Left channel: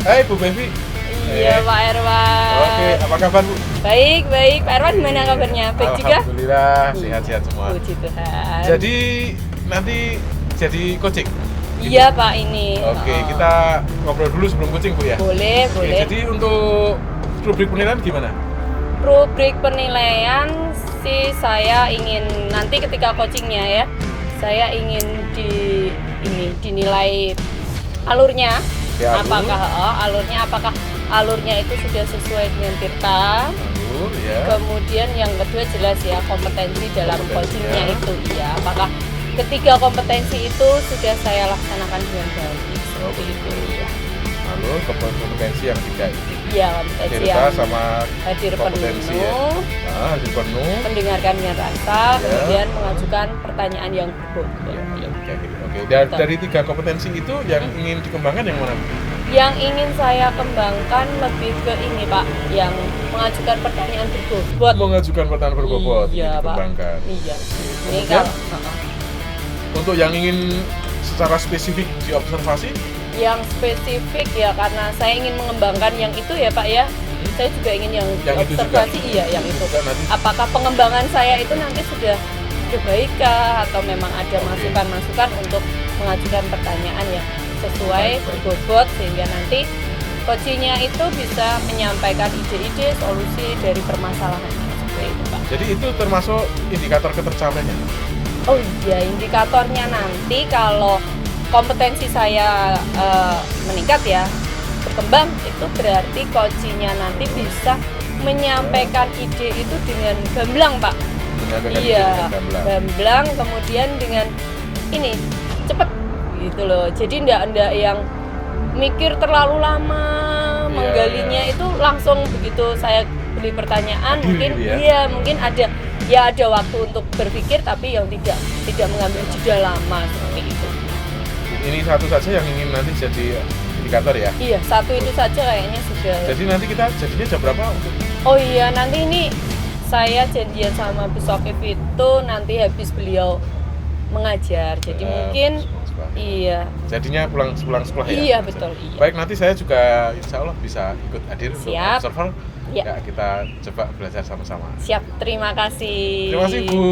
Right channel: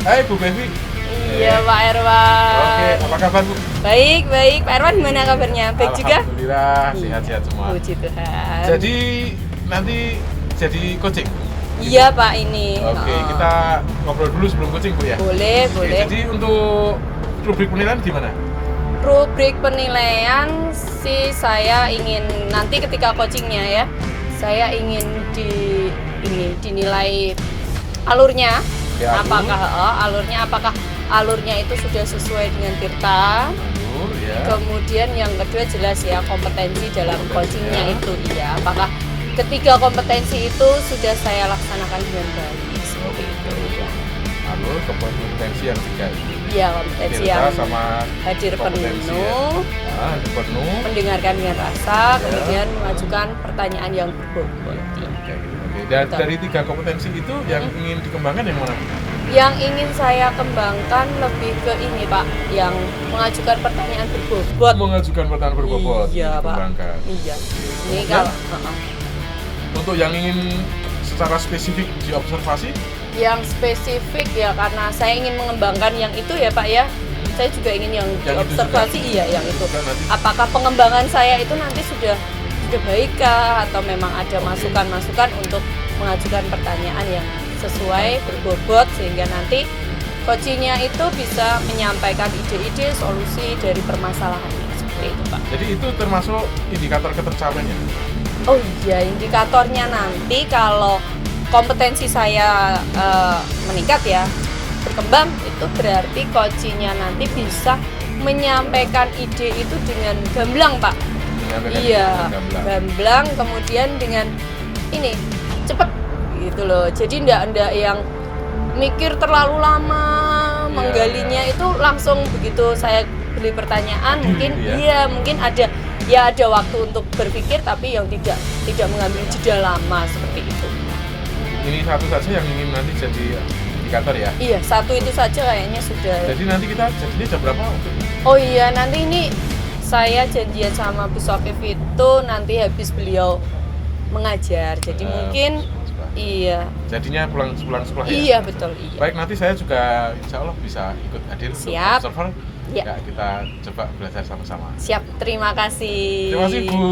Hai Bu Bevi. Iya Pak Erwan. Oke, apa kabar Bu? Baik, Pak Erwan gimana kabarnya? Baik juga? Alhamdulillah, sehat-sehat semua. Puji Tuhan. Jadi nanti jadi coaching? Iya Pak ini. Oke, kita ngobrol dulu sebelum coaching Bu ya? Boleh. Jadi untuk rubrik penilaian gimana? Rubrik penilaian sih saya ingin nanti ketika coachingnya ya, saya ingin dinilai alurnya. Ya, Apakah alurnya itu sudah sesuai dengan Tirta. Alur, ya. Kemudian yang kedua jelas ya kompetensi dalam coachingnya itu ya. Apakah ketiga kompetensi itu sudah saya laksanakan dengan baik seperti itu ya. Alur, kompetensi yang tiga itu. Iya, kompetensi Tirta yang sama hadir kompetensi penuh, hadir penuh. mendengarkan dengan rasa, Ya. kemudian mengajukan pertanyaan yang berbobot. Ya, kayak gitu. Oke, dari tiga kompetensi itu yang ingin dikembangkan yang mana? Yang ingin saya kembangkan lebih ke ini Pak, yang mengajukan pertanyaan berbobot. Mengajukan pertanyaan berbobot. Iya Pak. Dikembangkan. Iya. Ini Kemudian, kalau untuk yang ingin secara spesifik diobservasi, yang spesifik ya karena saya ingin mengembangkan yang itu ya Pak ya. Saya juga ingin yang Yang itu observasi juga. iya yang itu. Juga nanti. Apakah pengembangan saya itu nanti sudah baik kah atau memang ada masukan-masukan untuk mengajukan pertanyaan yang sesuai berbobot sehingga nanti coachingnya itu bisa menyampaikan ide-ide solusi dari permasalahan seperti itu Pak. Jadi itu termasuk indikator ketercapaiannya. Oh iya, indikatornya nanti kalau kompetensi saya meningkat ya, berkembang, itu berarti coachingnya nanti bisa menyampaikan ide itu dengan gamblang Pak. Iya, gamblang, kemudian dengan ini cepet gitu loh. Jadi enggak yang mikir terlalu lama, menggalinya itu langsung begitu saya beli pertanyaan mungkin mungkin ada waktu untuk berpikir tapi yang tidak mengambil jeda lama seperti itu. Ini satu saja yang ingin nanti jadi indikator ya? Iya, satu itu saja kayaknya sudah. Jadi nanti kita jadinya jam berapa? Oh iya, nanti ini saya janjian sama Bu Sofif itu nanti habis beliau mengajar. Jadi mungkin iya. Jadinya pulang sekolah ya? Iya, betul. Iya. Baik, nanti saya juga insya Allah bisa ikut hadir untuk Siap. observer. Ya. Ya, kita coba belajar sama-sama. Siap, terima kasih. Terima kasih Bu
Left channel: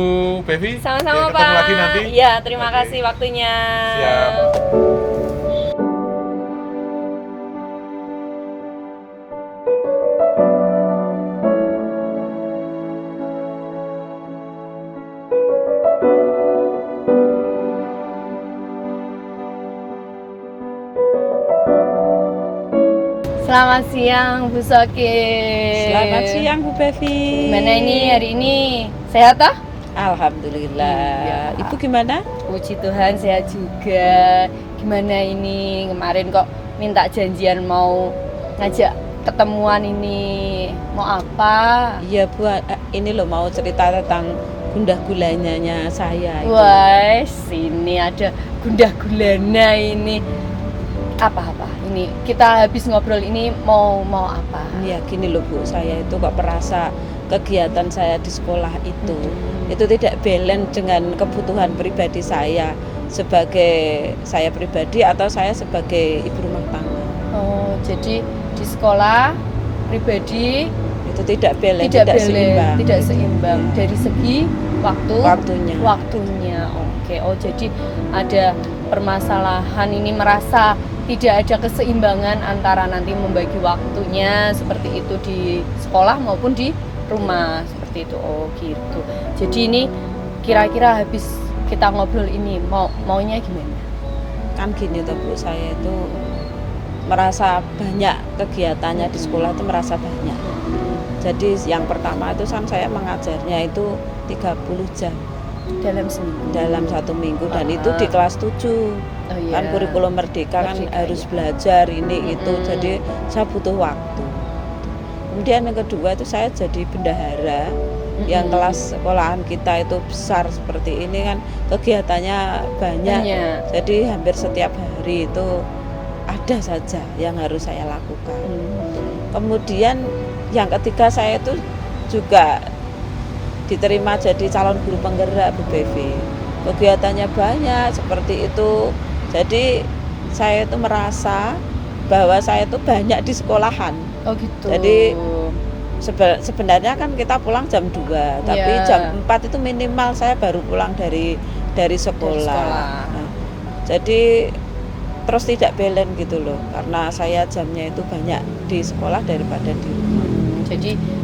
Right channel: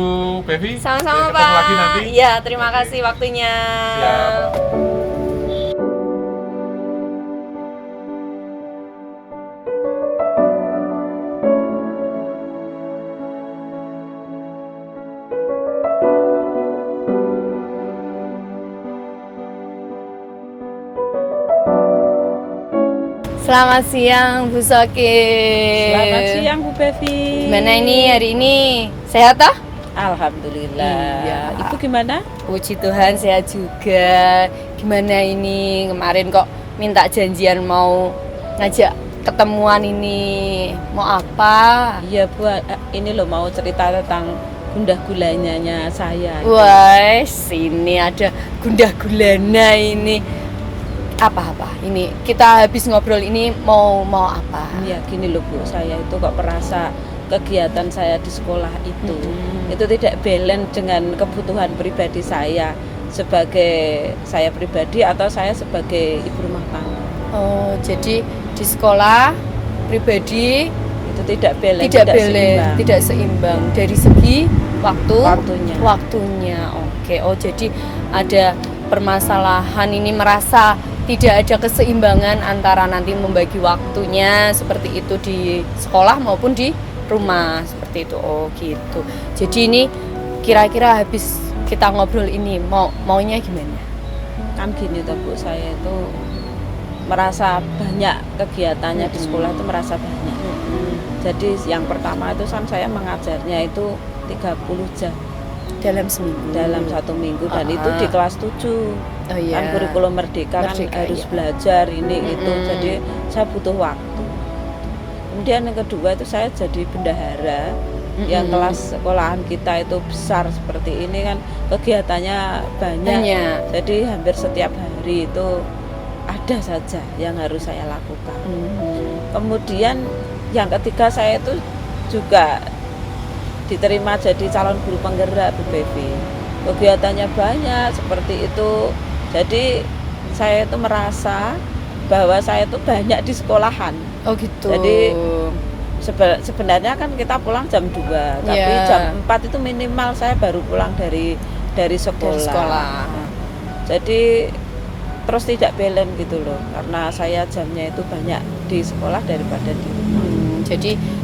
Bevi. Sama-sama Pak. Ketemu lagi nanti. Iya, terima kasih waktunya. Siap. Selamat siang Bu Soki. Selamat siang Bu Bevi. Gimana ini hari ini? Sehat ah? Alhamdulillah. Iya. Ibu gimana? Puji Tuhan sehat juga. Gimana ini? Kemarin kok minta janjian mau ngajak ketemuan ini. Mau apa? Iya Bu, ini loh mau cerita tentang gundah gulananya saya. Wah, sini ada gundah gulana ini. Apa-apa? Ini kita habis ngobrol ini mau apa? Ya gini loh Bu, saya itu kok merasa kegiatan saya di sekolah itu tidak balance dengan kebutuhan pribadi saya sebagai saya pribadi atau saya sebagai ibu rumah tangga. Oh, jadi di sekolah pribadi Itu tidak balance, tidak seimbang dari segi waktunya. Oke. Oh, jadi ada permasalahan ini merasa tidak ada keseimbangan antara nanti membagi waktunya seperti itu di sekolah maupun di rumah seperti itu. Oh gitu. Jadi ini kira-kira habis kita ngobrol ini maunya gimana? Kan gini tuh Bu, saya itu merasa banyak kegiatannya di sekolah itu merasa banyak. Jadi yang pertama itu kan saya mengajarnya itu 30 jam dalam seminggu, dalam 1 minggu dan itu di kelas 7. Oh, iya. Kan kurikulum merdeka kan harus belajar ini itu, jadi saya butuh waktu. Kemudian yang kedua itu saya jadi bendahara yang kelas sekolahan kita itu besar seperti ini kan kegiatannya banyak. Jadi hampir setiap hari itu ada saja yang harus saya lakukan. Kemudian yang ketiga saya itu juga diterima jadi calon guru penggerak Bu Bevi. Kegiatannya banyak seperti itu. Jadi saya itu merasa bahwa saya tuh banyak di sekolahan. Oh gitu. Jadi sebenarnya kan kita pulang jam 2, tapi Iya. jam 4 itu minimal saya baru pulang dari sekolah. Nah, jadi terus tidak balance gitu loh, karena saya jamnya itu banyak di sekolah daripada di rumah.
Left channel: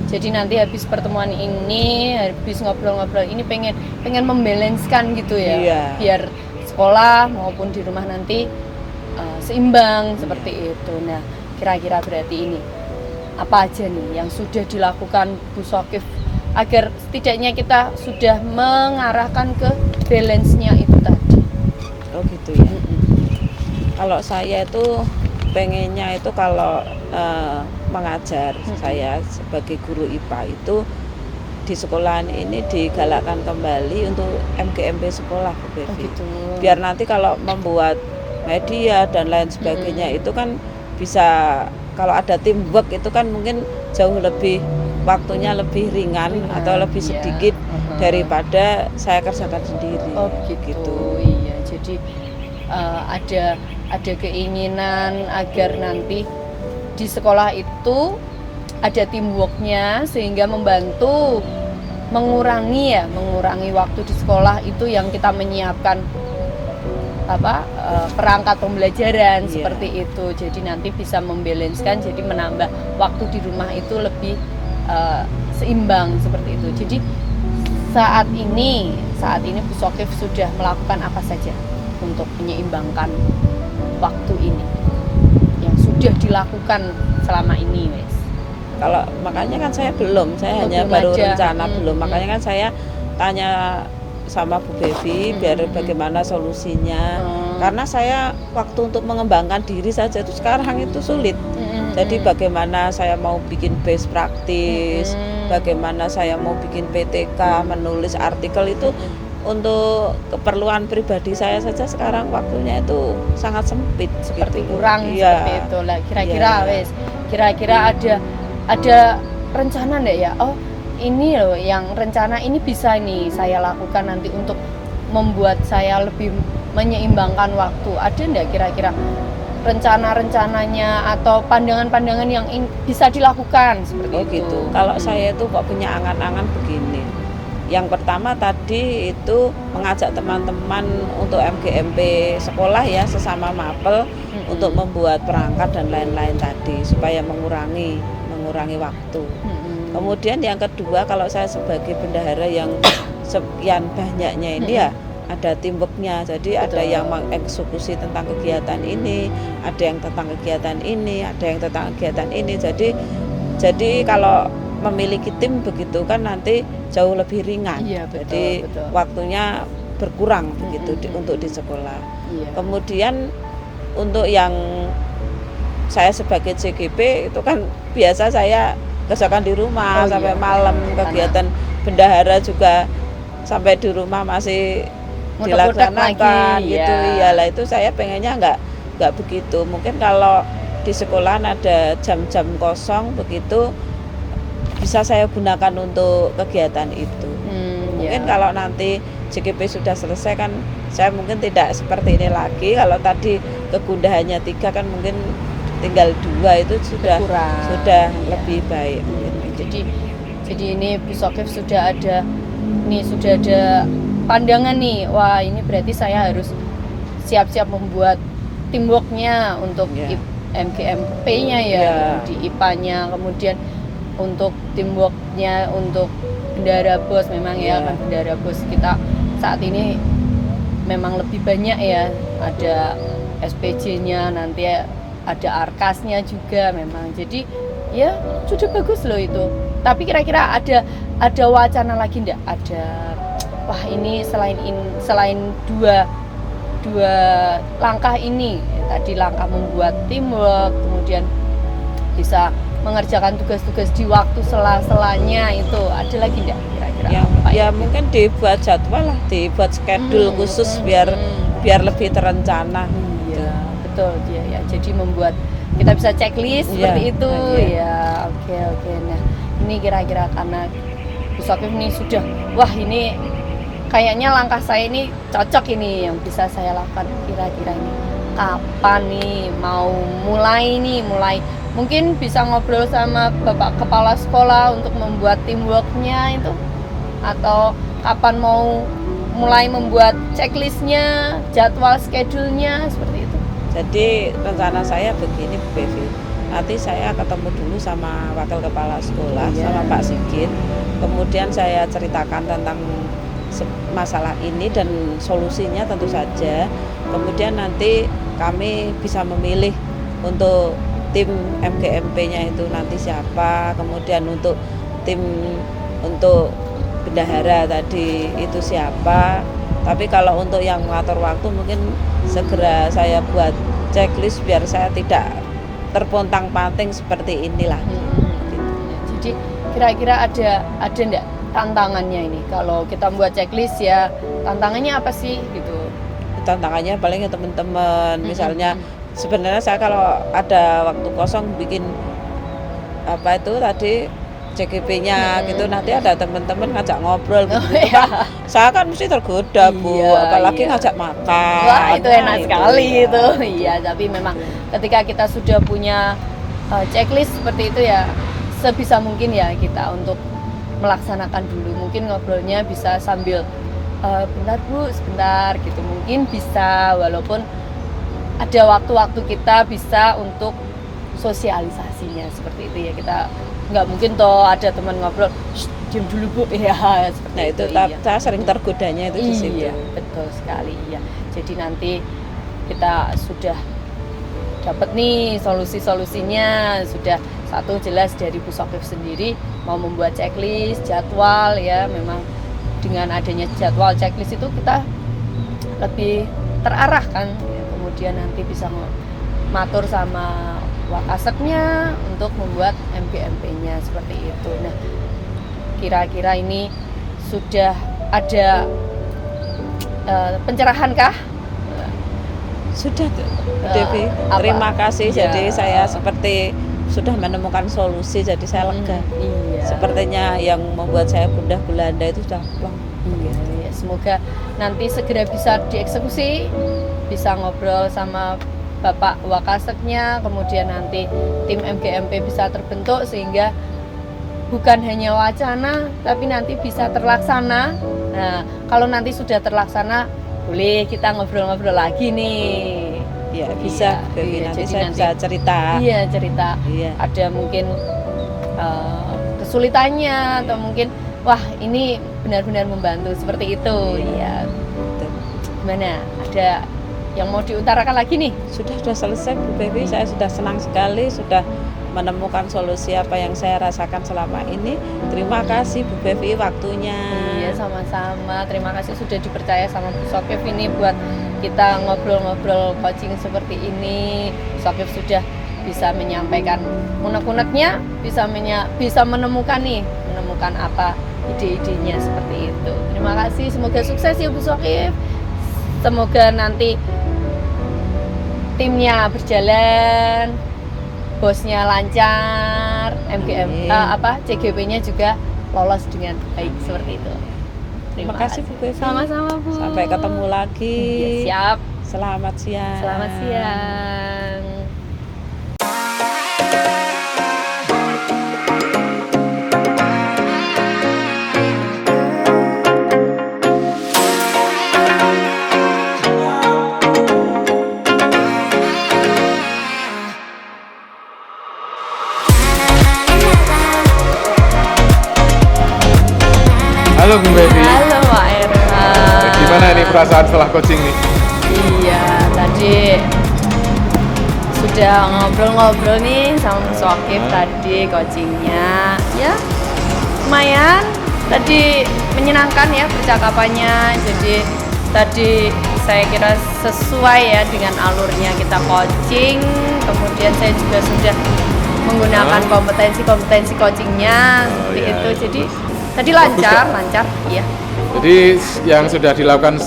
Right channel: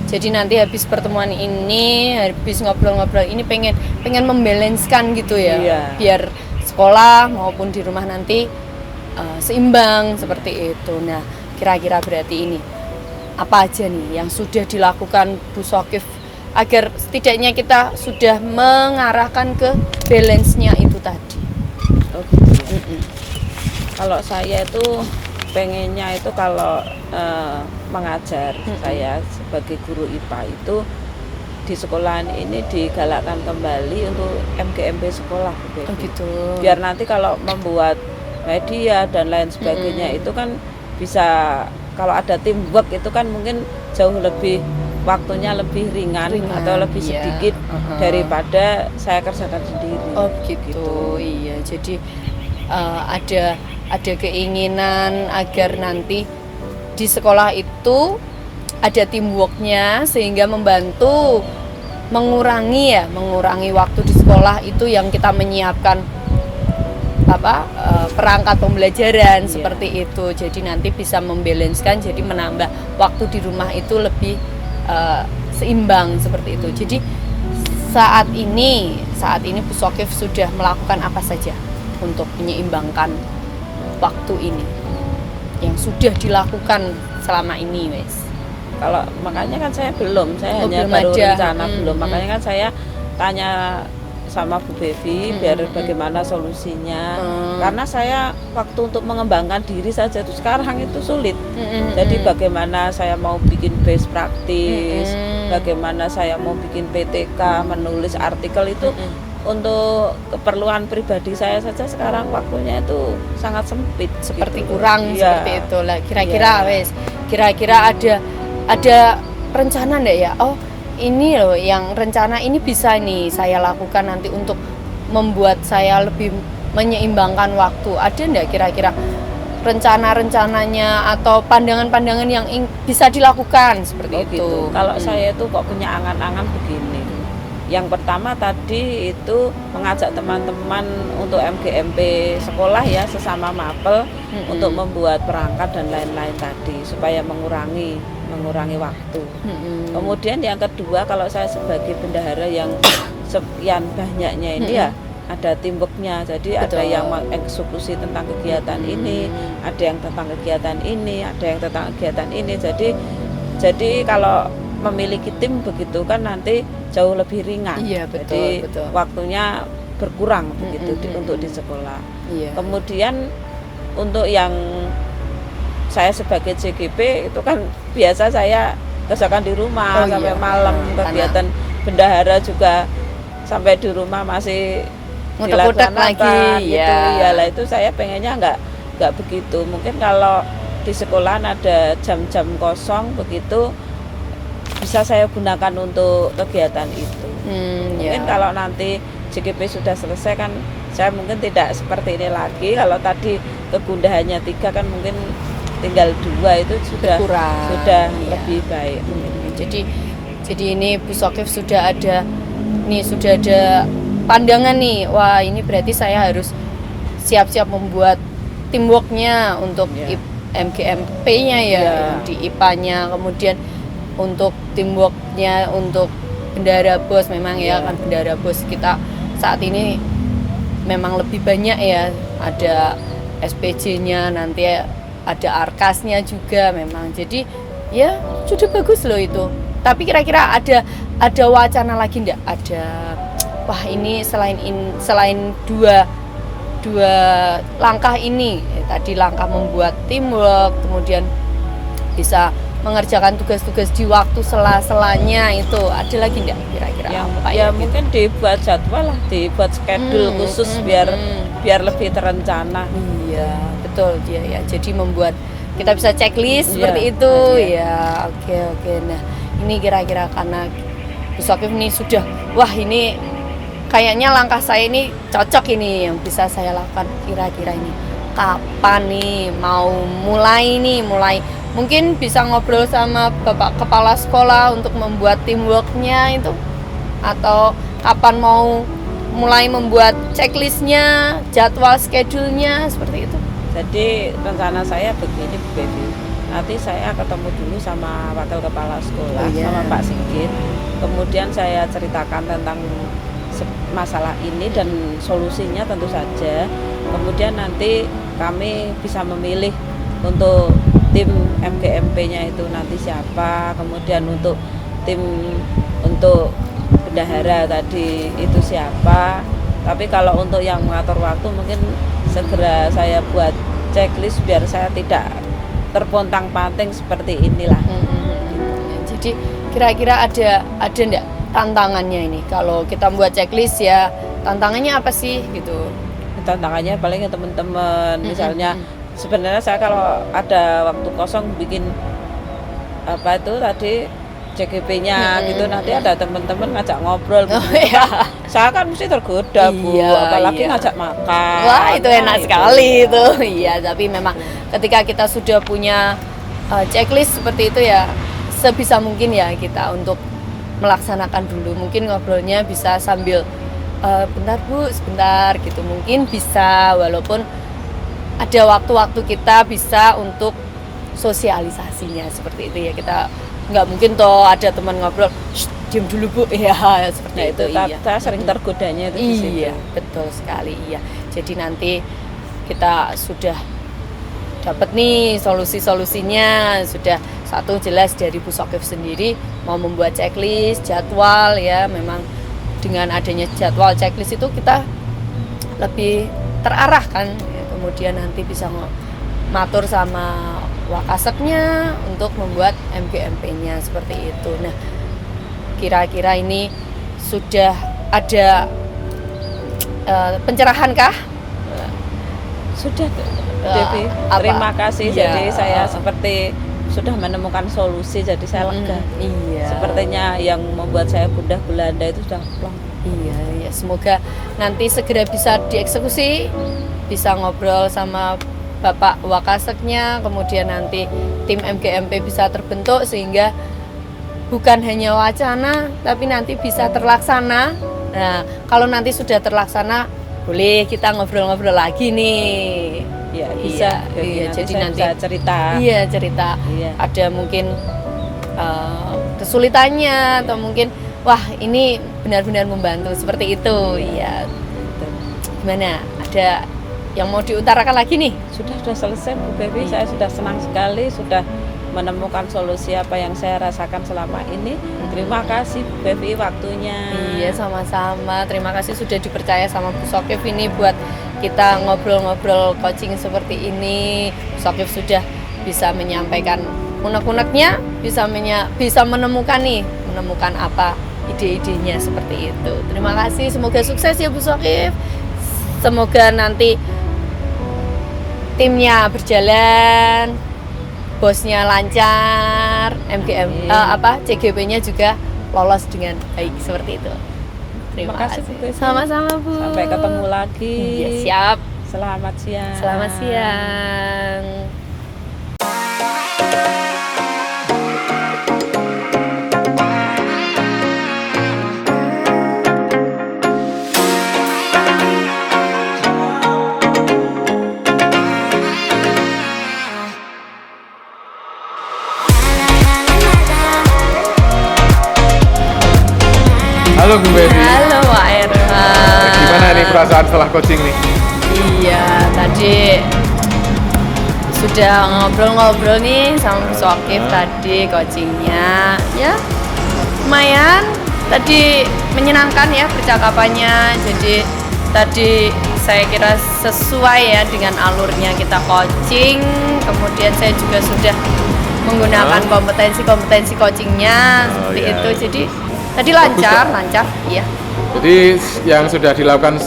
Jadi nanti habis pertemuan ini, habis ngobrol-ngobrol ini pengen membalanskan gitu ya. Iya. Biar sekolah maupun di rumah nanti seimbang seperti itu. Nah, kira-kira berarti ini apa aja nih yang sudah dilakukan Bu Shokif agar setidaknya kita sudah mengarahkan ke balance-nya itu tadi. Oh gitu ya. Kalau saya itu pengennya itu kalau mengajar, saya sebagai guru IPA itu di sekolahan ini digalakkan kembali untuk MGMP sekolah, Bu Bevi. Oh gitu. Biar nanti kalau membuat media dan lain sebagainya itu kan bisa, kalau ada teamwork itu kan mungkin jauh lebih waktunya lebih ringan atau lebih iya. sedikit daripada saya kerjakan sendiri. Oh gitu. Iya, jadi ada keinginan agar nanti di sekolah itu ada teamworknya sehingga membantu mengurangi waktu di sekolah itu yang kita menyiapkan perangkat pembelajaran seperti itu. Jadi nanti bisa membalanskan, jadi menambah waktu di rumah itu lebih seimbang seperti itu. Jadi saat ini Bu Shokif sudah melakukan apa saja untuk menyeimbangkan waktu ini yang sudah dilakukan selama ini, Wes? Kalau makanya kan saya hanya belum baru ada. rencana belum. Makanya kan saya tanya sama Bu Bevi biar bagaimana solusinya. Karena saya waktu untuk mengembangkan diri saja itu sekarang itu sulit. Jadi bagaimana saya mau bikin best practice, bagaimana saya mau bikin PTK, menulis artikel itu untuk keperluan pribadi saya saja sekarang waktunya itu sangat sempit, Seperti gitu. kurang Iya. seperti itu lah. Kira-kira Iya. Wes, kira-kira ada rencana enggak ya? Oh, ini loh yang rencana ini bisa nih saya lakukan nanti untuk membuat saya lebih menyeimbangkan waktu. Ada enggak kira-kira rencana-rencananya atau pandangan-pandangan yang bisa dilakukan seperti Oh itu? gitu. Kalau saya itu kok punya angan-angan begini. Yang pertama tadi itu mengajak teman-teman untuk MGMP sekolah ya, sesama mapel untuk membuat perangkat dan lain-lain tadi supaya mengurangi waktu. Kemudian yang kedua, kalau saya sebagai bendahara yang sekian banyaknya ini ya ada teamworknya. Jadi ada yang mengeksekusi tentang kegiatan ini, ada yang tentang kegiatan ini, ada yang tentang kegiatan ini. Jadi kalau memiliki tim begitu kan nanti jauh lebih ringan. Iya, Jadi betul. waktunya berkurang begitu untuk di sekolah. Iya. Kemudian untuk yang saya sebagai CGP itu kan biasa saya kerjakan di rumah sampai malam, kegiatan bendahara juga sampai di rumah masih dilaksanakan gitu. Iyalah itu saya pengennya nggak begitu. Mungkin kalau di sekolahan ada jam-jam kosong begitu bisa saya gunakan untuk kegiatan itu. Mungkin kalau nanti JGP sudah selesai kan saya mungkin tidak seperti ini lagi. Kalau tadi kegundahannya 3 kan mungkin tinggal 2 itu sudah lebih baik. Jadi ini Bu Shokif sudah ada pandangan nih. Wah, ini berarti saya harus siap-siap membuat teamworknya untuk MGMP-nya di IPA-nya, kemudian untuk teamworknya untuk bendahara bos memang kan bendahara bos kita saat ini memang lebih banyak ya, ada SPJ-nya, nanti ada arkasnya juga memang. Jadi ya sudah bagus loh itu. Tapi kira-kira ada wacana lagi enggak? Wah ini selain dua langkah ini tadi, langkah membuat teamwork, kemudian bisa mengerjakan tugas-tugas di waktu sela-selanya, itu ada lagi enggak kira-kira? Mungkin dibuat jadwal lah, dibuat schedule khusus biar lebih terencana. Iya, betul ya. Jadi membuat kita bisa checklist seperti itu. Ya, oke. Nah, ini kira-kira karena Bu Shokif ini sudah, wah ini kayaknya langkah saya ini cocok ini yang bisa saya lakukan, kira-kira ini kapan nih mau mulai mungkin bisa ngobrol sama Bapak Kepala Sekolah untuk membuat teamworknya itu, atau kapan mau mulai membuat checklistnya, jadwal schedule-nya seperti itu. Jadi rencana saya begini Bu Bevi, nanti saya ketemu dulu sama Wakil Kepala Sekolah, sama Pak Sigit, kemudian saya ceritakan tentang masalah ini dan solusinya tentu saja. Kemudian nanti kami bisa memilih untuk tim MGMP-nya itu nanti siapa, kemudian untuk tim untuk bendahara tadi itu siapa. Tapi kalau untuk yang mengatur waktu mungkin segera saya buat checklist biar saya tidak terpontang-panting seperti inilah. Jadi kira-kira ada enggak tantangannya ini kalau kita membuat checklist ya, tantangannya apa sih gitu? Tantangannya paling ya teman-teman, misalnya sebenarnya saya kalau ada waktu kosong bikin apa itu tadi CGP-nya gitu, nanti ada teman-teman ngajak ngobrol gitu. Saya kan mesti tergoda Bu, apalagi ngajak makan. Wah itu enak sekali itu. Iya, tapi memang ketika kita sudah punya checklist seperti itu ya, sebisa mungkin ya kita untuk melaksanakan dulu. Mungkin ngobrolnya bisa sambil bentar Bu, sebentar gitu. Mungkin bisa, walaupun ada waktu-waktu kita bisa untuk sosialisasinya seperti itu ya. Kita nggak mungkin toh ada teman ngobrol, diam dulu Bu, ya seperti itu. Iya. Saya sering tergodanya itu di situ. Iya, betul sekali. Iya. Jadi nanti kita sudah dapat nih solusi-solusinya, sudah satu jelas dari Bu Sokif sendiri mau membuat checklist, jadwal ya. Memang dengan adanya jadwal checklist itu kita lebih terarah kan. Kemudian nanti bisa matur sama Wakaseknya untuk membuat MGMP-nya seperti itu. Nah, kira-kira ini sudah ada pencerahan kah? Sudah Devi, terima kasih. Ya. Jadi saya seperti sudah menemukan solusi, jadi saya lega. Iya. Sepertinya yang membuat saya gundah gulana itu sudah plong. Iya, ya semoga nanti segera bisa dieksekusi, bisa ngobrol sama Bapak Wakaseknya, kemudian nanti tim MGMP bisa terbentuk sehingga bukan hanya wacana tapi nanti bisa terlaksana. Nah, kalau nanti sudah terlaksana boleh kita ngobrol-ngobrol lagi nih. Ya, bisa. Iya, Nanti jadi saya nanti bisa cerita. Iya, cerita. Iya. Ada mungkin kesulitannya atau mungkin wah, ini benar-benar membantu seperti itu. Iya. Gimana? Ada yang mau diutarakan lagi nih? Sudah selesai Bu Bevi, saya sudah senang sekali sudah menemukan solusi apa yang saya rasakan selama ini. Terima kasih Bu Bevi waktunya. Iya, sama-sama. Terima kasih sudah dipercaya sama Bu Sokif ini buat kita ngobrol-ngobrol coaching seperti ini. Bu Sokif sudah bisa menyampaikan unek-uneknya, bisa menemukan apa ide-idenya seperti itu. Terima kasih, semoga sukses ya Bu Sokif. Semoga nanti timnya berjalan, bosnya lancar, CGP-nya juga lolos dengan baik seperti itu. Terima kasih Bu. Sama-sama Bu. Sampai ketemu lagi. Ya, siap. Selamat siang. Selamat siang. Halo Bu Bevi. Halo Pak Erhan. Gimana nih perasaan setelah coaching nih? Iya, tadi sudah ngobrol-ngobrol nih sama Bu Sokif tadi coachingnya. Ya, lumayan. Tadi menyenangkan ya percakapannya. Jadi tadi saya kira sesuai ya dengan alurnya kita coaching. Kemudian saya juga sudah menggunakan kompetensi coachingnya seperti iya, itu. iya. Jadi tadi lancar, iya. Jadi yang sudah dilakukan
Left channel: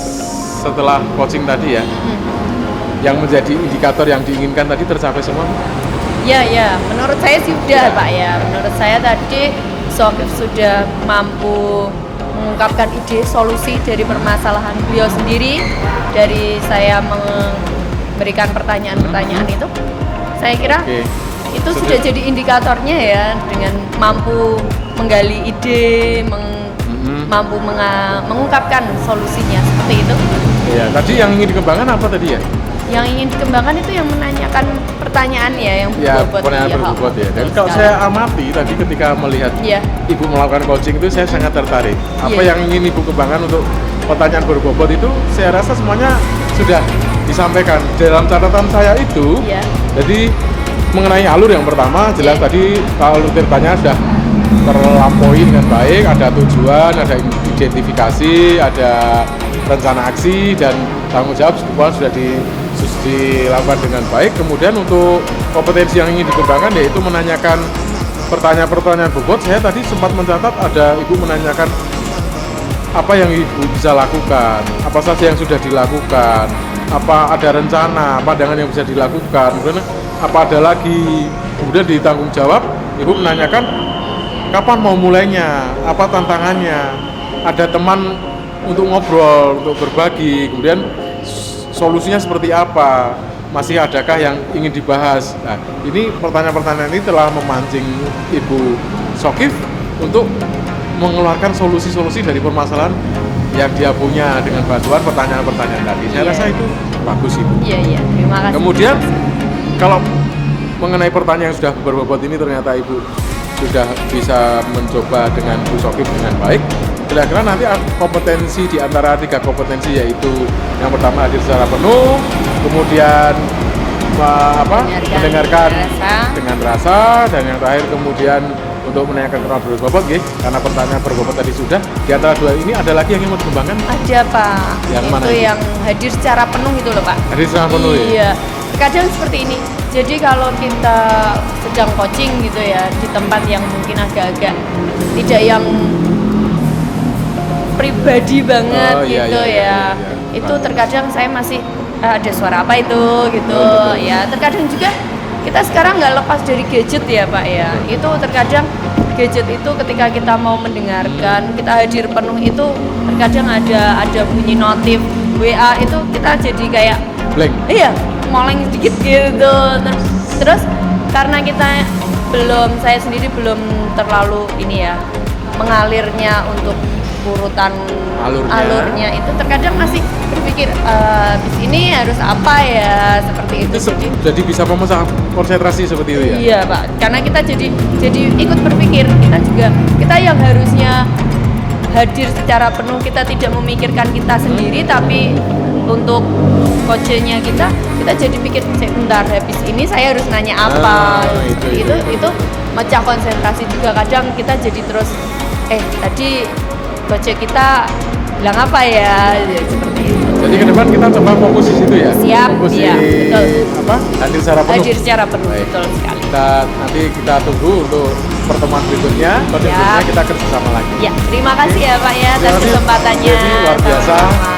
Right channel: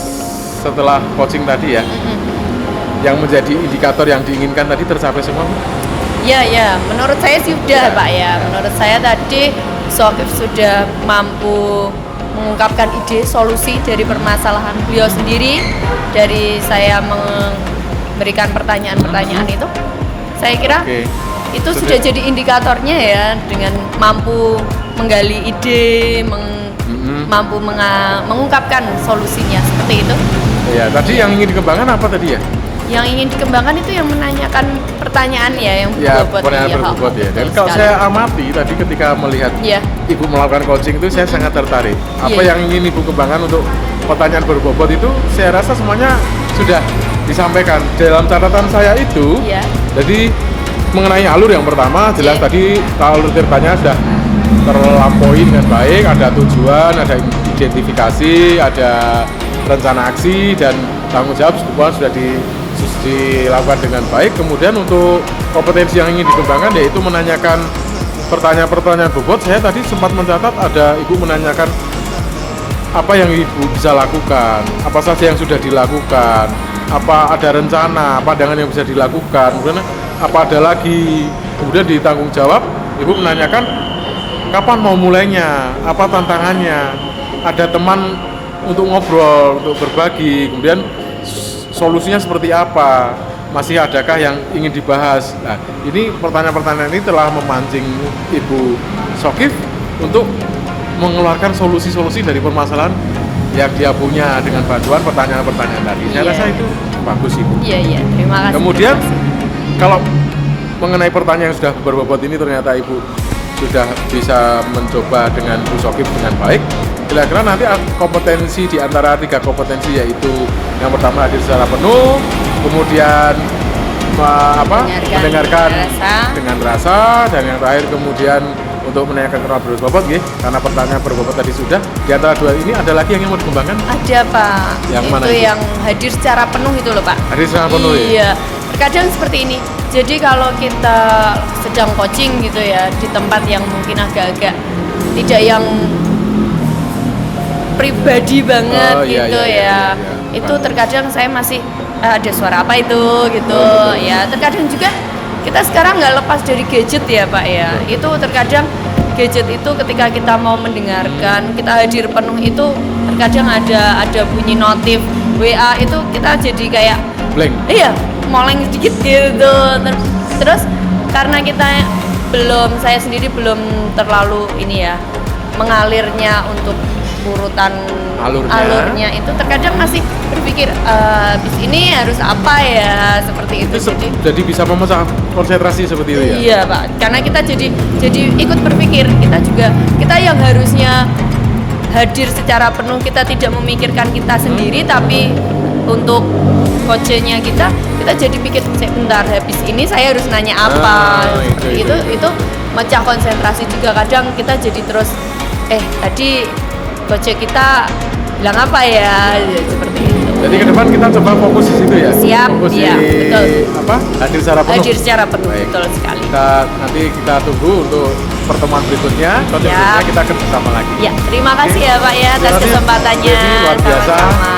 setelah coaching tadi ya, yang menjadi indikator yang diinginkan tadi tercapai semua? Iya, menurut saya sudah Pak ya. Menurut saya tadi Sokif sudah mampu mengungkapkan ide solusi dari permasalahan beliau sendiri. Dari saya berikan pertanyaan-pertanyaan itu, saya kira Oke. itu sudah jadi indikatornya ya, dengan mampu menggali ide, mampu mengungkapkan solusinya seperti itu. Ya, tadi yang ingin dikembangkan apa tadi ya? Yang ingin dikembangkan itu yang menanyakan pertanyaan ya, yang Ya, berbobot. pertanyaan berbobot ya. Dan betul kalau sekali. saya amati tadi ketika melihat Iya. Ibu melakukan coaching itu, saya sangat tertarik. Apa Iya. yang ingin Ibu kembangkan untuk pertanyaan berbobot itu, saya rasa semuanya sudah disampaikan dalam catatan saya itu. Iya. Jadi mengenai alur yang pertama, jelas tadi alur ceritanya sudah terlampaui dengan baik, ada tujuan, ada identifikasi, ada rencana aksi, dan tanggung jawab semua sudah dilakukan dengan baik. Kemudian untuk kompetensi yang ingin dikembangkan yaitu menanyakan pertanyaan-pertanyaan bobot. Saya tadi sempat mencatat ada Ibu menanyakan apa yang Ibu bisa lakukan, apa saja yang sudah dilakukan, apa ada rencana, pandangan yang bisa dilakukan, kemudian apa ada lagi. Kemudian di tanggung jawab Ibu menanyakan kapan mau mulainya, apa tantangannya, ada teman untuk ngobrol, untuk berbagi, kemudian solusinya seperti apa, masih adakah yang ingin dibahas. Nah, ini pertanyaan-pertanyaan ini telah memancing Ibu Shokif untuk mengeluarkan solusi-solusi dari permasalahan yang dia punya dengan bantuan pertanyaan-pertanyaan tadi. Saya Iya. rasa itu bagus, Ibu. Iya, iya. Terima kasih. Kemudian kalau mengenai pertanyaan yang sudah berbobot ini, ternyata Ibu sudah bisa mencoba dengan Bu Shokif dengan baik. Kira-kira nanti kompetensi di antara 3 kompetensi, yaitu yang pertama hadir secara penuh, kemudian mendengarkan dengan rasa, dan yang terakhir kemudian untuk menanyakan pertanyaan berbobot, karena pertanyaan berbobot tadi sudah. Di antara 2 ini ada lagi yang ingin mau dikembangkan? Ada Pak. Yang itu mana itu? yang hadir secara penuh itu loh Pak. Hadir secara penuh ya? Iya. Terkadang seperti ini. Jadi kalau kita sedang coaching gitu ya, di tempat yang mungkin agak-agak tidak yang pribadi banget iya, gitu iya, ya. iya. Itu terkadang saya masih ada suara apa itu gitu. Betul. Ya, terkadang juga kita sekarang nggak lepas dari gadget ya Pak ya. Itu terkadang gadget itu ketika kita mau mendengarkan, kita hadir penuh itu terkadang ada bunyi notif WA, itu kita jadi kayak Blank. iya, moleng sedikit gitu. Terus karena kita saya sendiri belum terlalu ini ya, mengalirnya untuk urutan alurnya itu terkadang masih berpikir bis ini harus apa ya, seperti itu. Jadi bisa memecah konsentrasi seperti itu ya? Iya Pak, karena kita jadi ikut berpikir, kita yang harusnya hadir secara penuh, kita tidak memikirkan kita sendiri, tapi untuk coachnya kita jadi pikir sebentar, habis ini saya harus nanya apa. Itu mecah konsentrasi juga. Kadang kita jadi terus tadi coach kita bilang apa ya, seperti itu. Jadi ke depan kita coba fokus di situ ya? Siap, fokus iya, di betul. hadir secara penuh. Hadir secara penuh, Baik. betul sekali. Nanti kita tunggu untuk pertemuan berikutnya. Kalau berikutnya kita kerjasama lagi. Ya, terima kasih ya Pak ya atas Terima kasih, kesempatannya. Devi, luar biasa. Sama-sama.